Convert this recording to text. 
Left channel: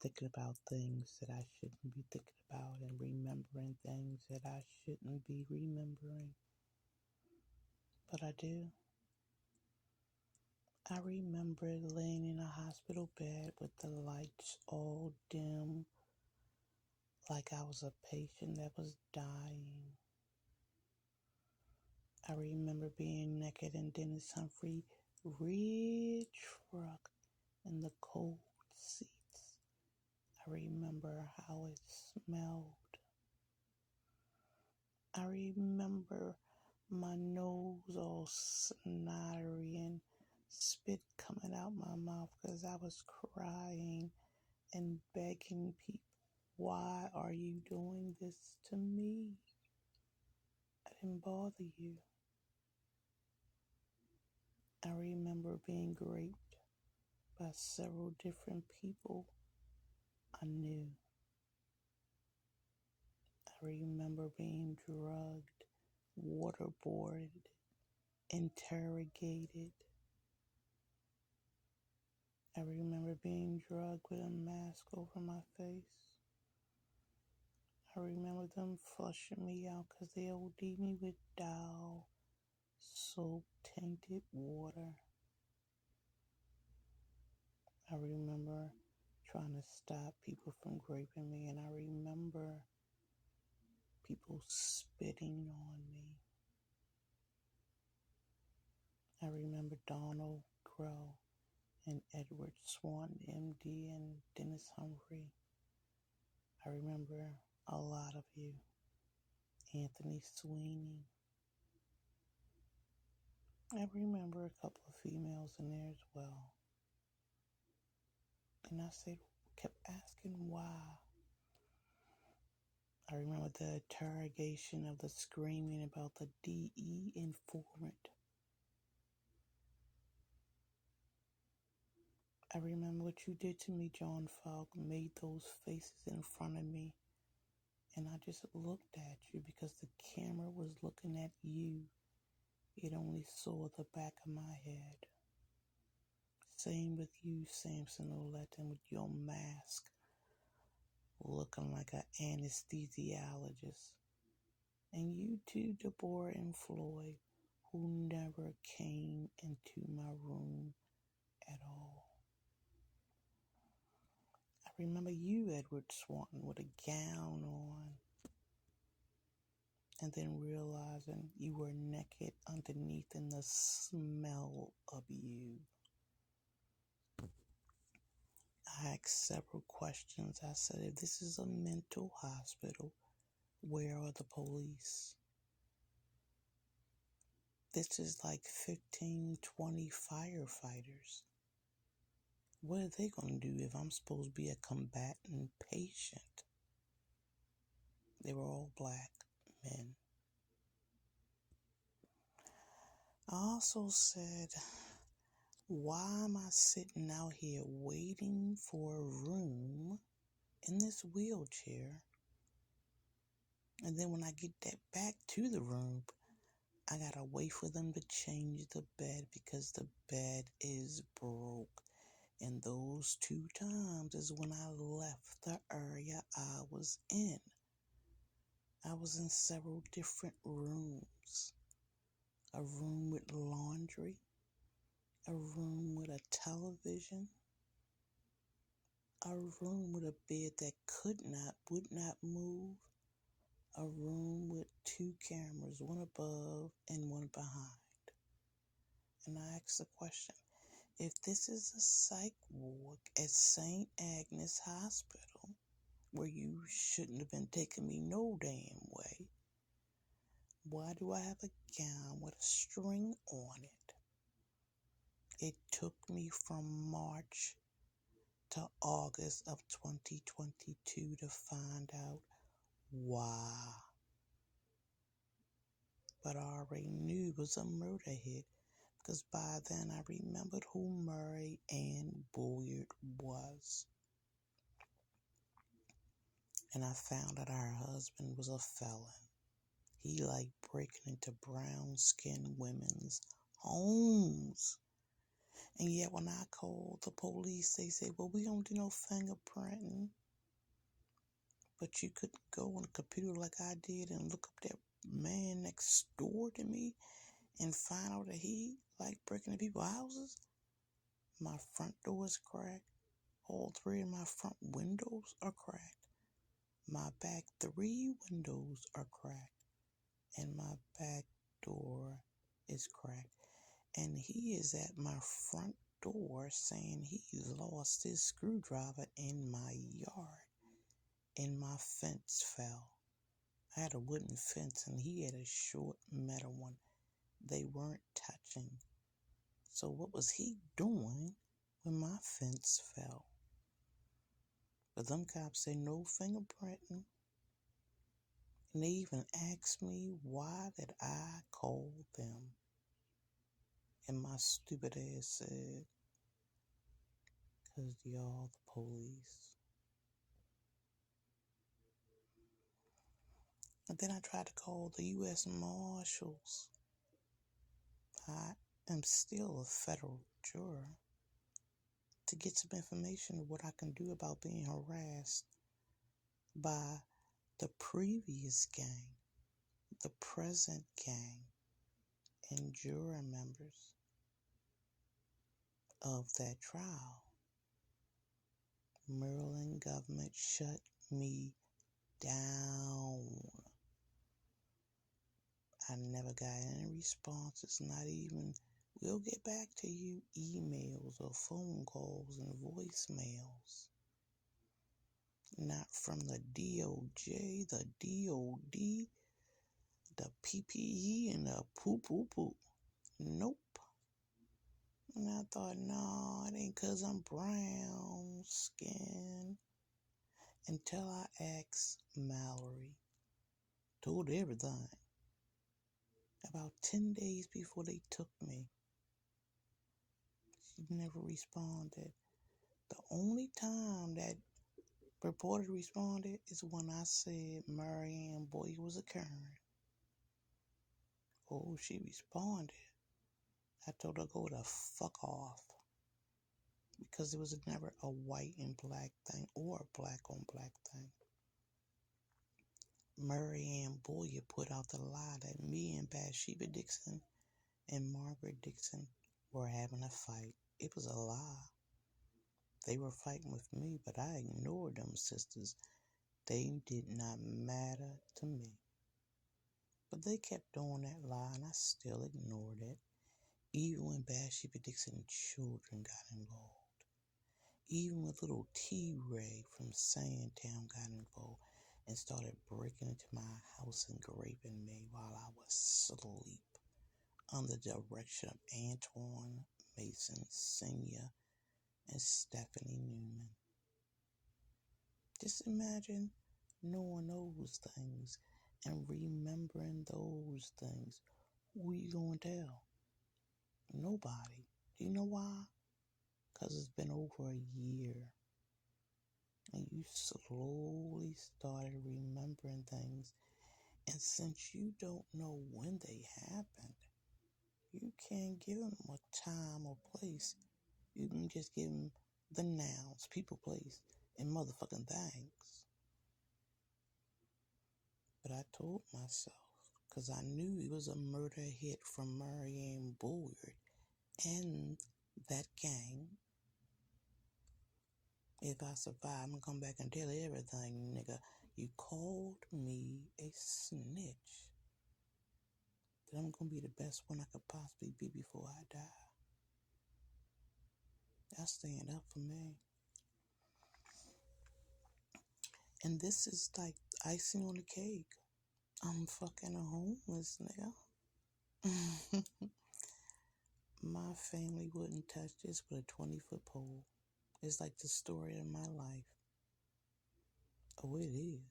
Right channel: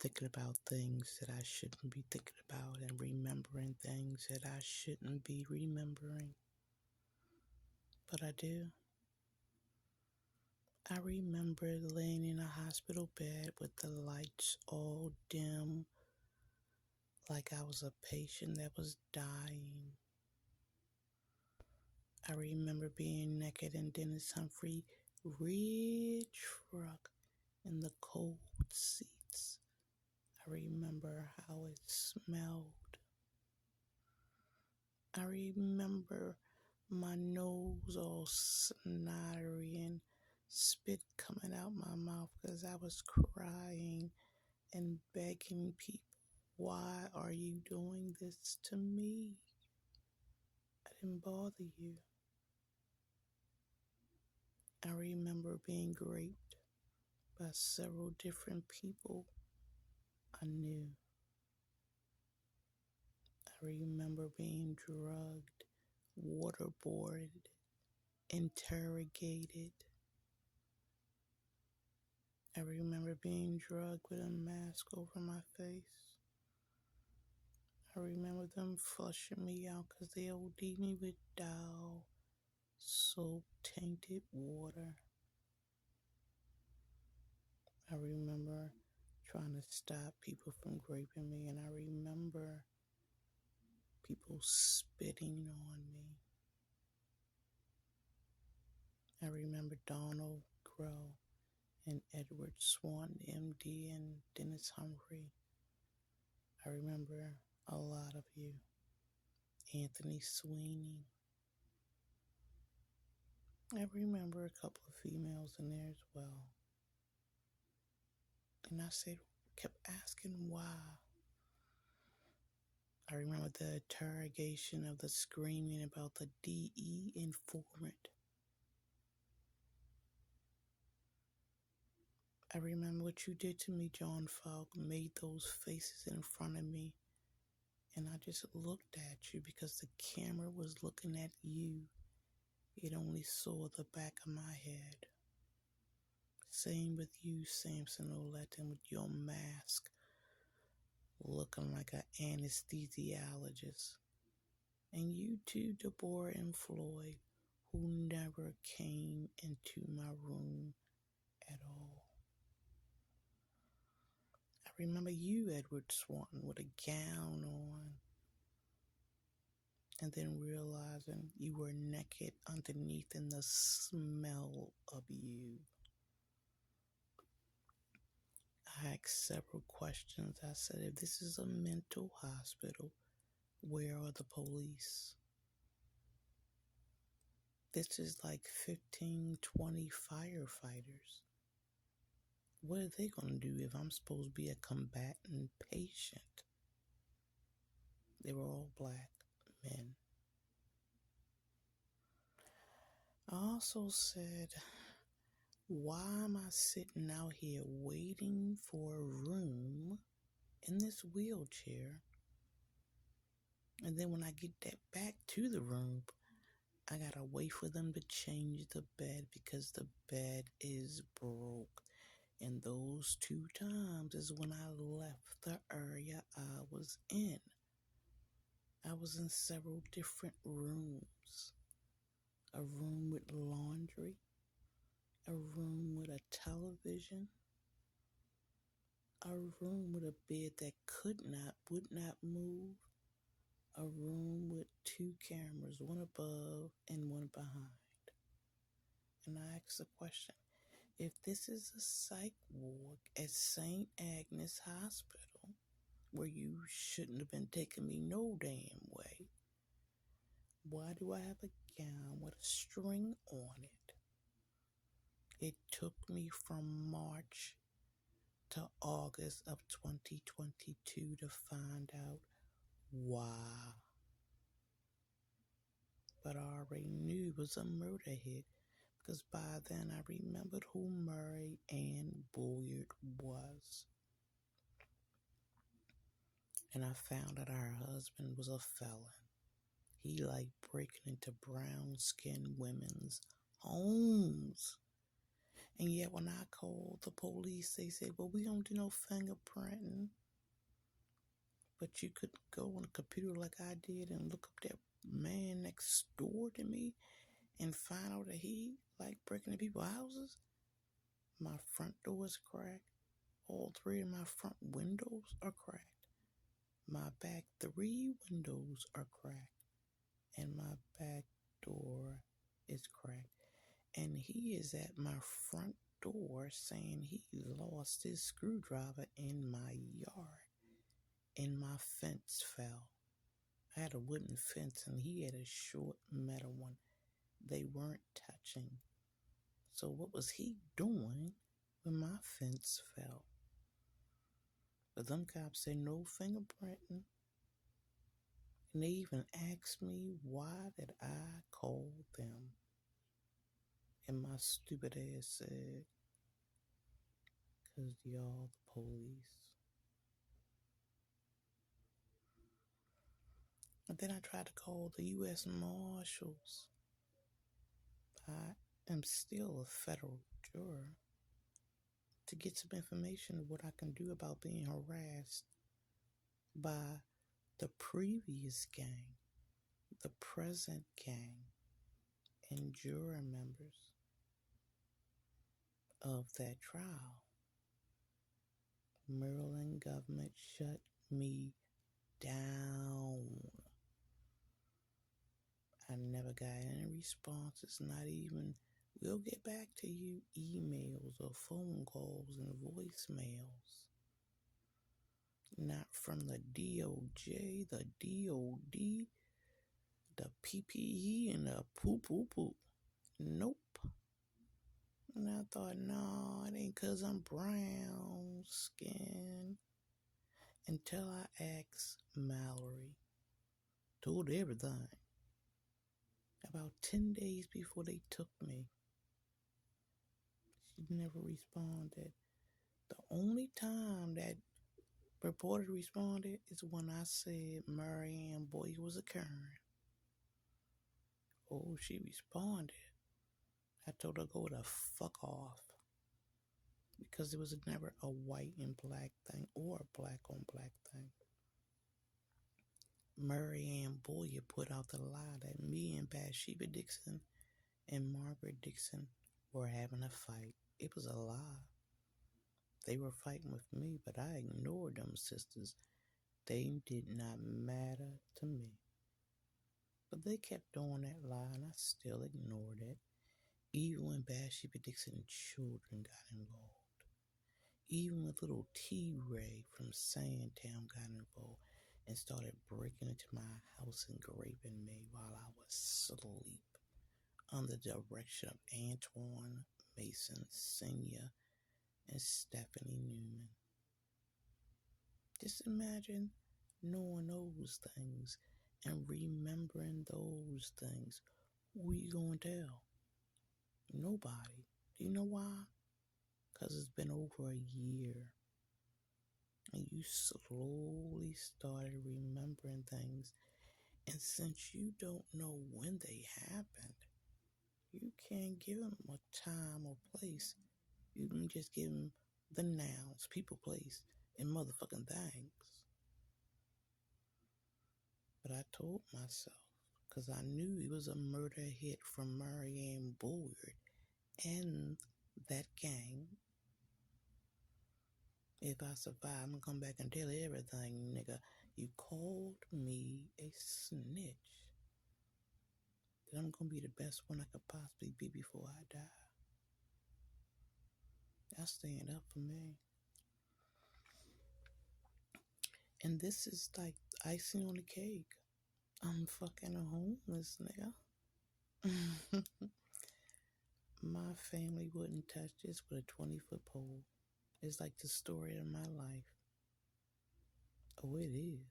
thinking about things that I shouldn't be thinking about and remembering things that I shouldn't be remembering. But I do. I remember laying in a hospital bed with the lights all dim, like I was a patient that was dying. I remember being naked in Dennis Humphrey red truck in the cold seats. I remember how it smelled. I remember my nose all snottery and spit coming out my mouth because I was crying and begging people, why are you doing this to me? I didn't bother you. I remember being raped by several different people I knew. I remember being drugged, waterboarded, interrogated. I remember being drugged with a mask over my face. I remember them flushing me out because they OD'd me with Dow, soap tainted water. I remember trying to stop people from raping me, and I remember people spitting on me. I remember Donald Crow and Edward Swan, MD, and Dennis Humphrey. I remember a lot of you. Anthony Sweeney. I remember a couple of females in there as well. And I kept asking why. I remember the interrogation of the screaming about the DE informant. I remember what you did to me, John Falk, made those faces in front of me. And I just looked at you because the camera was looking at you. It only saw the back of my head. Same with you, Samson Oleton, with your mask, looking like an anesthesiologist. And you too, Deborah and Floyd, who never came into my room at all. I remember you, Edward Swanton, with a gown on, and then realizing you were naked underneath in the smell of you. I asked several questions. I said, if this is a mental hospital, where are the police? This is like 15, 20 firefighters. What are they going to do if I'm supposed to be a combatant patient? They were all black men. I also said, why am I sitting out here waiting for a room in this wheelchair? And then when I get that back to the room, I gotta wait for them to change the bed because the bed is broke. And those 2 times is when I left the area I was in. I was in several different rooms. A room with laundry, a room with a television, a room with a bed that would not move, a room with 2 cameras, one above and one behind. And I asked the question, if this is a psych ward at St. Agnes Hospital, where you shouldn't have been taking me no damn way, why do I have a gown with a string on it? It took me from March to August of 2022 to find out why. But I already knew it was a murder hit because by then I remembered who Murray Ann Boyd was. And I found that her husband was a felon. He liked breaking into brown-skinned women's homes And yet when I called the police, they said, well, we don't do no fingerprinting. But you could go on a computer like I did and look up that man next door to me and find out that he like breaking into people's houses. My front door is cracked. All three of my front windows are cracked. My back 3 windows are cracked. And my back door is cracked. And he is at my front door saying he lost his screwdriver in my yard. And my fence fell. I had a wooden fence and he had a short metal one. They weren't touching. So what was he doing when my fence fell? But them cops said no fingerprinting. And they even asked me why did I call them. And my stupid ass said, 'cause y'all the police. And then I tried to call the U.S. Marshals. I am still a federal juror. To get some information of what I can do about being harassed by the previous gang, the present gang, and juror members of that trial. Maryland government shut me down. I never got any responses, not even, we'll get back to you, emails or phone calls and voicemails. Not from the DOJ, the DOD, the PPE, and the poo. Nope. And I thought, no, it ain't 'cause I'm brown skin. Until I asked Mallory. Told her everything. About 10 days before they took me. She never responded. The only time that reporter responded is when I said Marianne Boyer was occurring. Oh, she responded. I told her to go the fuck off. Because it was never a white and black thing or a black on black thing. Marianne Boyer put out the lie that me and Bathsheba Dixon and Margaret Dixon were having a fight. It was a lie. They were fighting with me, but I ignored them sisters. They did not matter to me. But they kept doing that lie, and I still ignored it. Even when Bathsheba Dixon's children got involved. Even with little T-Ray from Sandtown got involved and started breaking into my house and raping me while I was asleep under the direction of Antoine Mason Sr. and Stephanie Newman. Just imagine knowing those things and remembering those things. Who you gonna tell? Nobody. Do you know why? 'Cause it's been over a year. And you slowly started remembering things. And since you don't know when they happened, you can't give them a time or place. You can just give them the nouns, people, place, and motherfucking things. But I told myself, because I knew it was a murder hit from Marianne Boyer and that gang. If I survive, I'm gonna come back and tell everything, nigga. You called me a snitch. Then I'm gonna be the best one I could possibly be before I die. That's stand up for me. And this is like icing on the cake. I'm fucking a homeless nigga. My family wouldn't touch this with a 20-foot pole. It's like the story of my life. Oh, it is.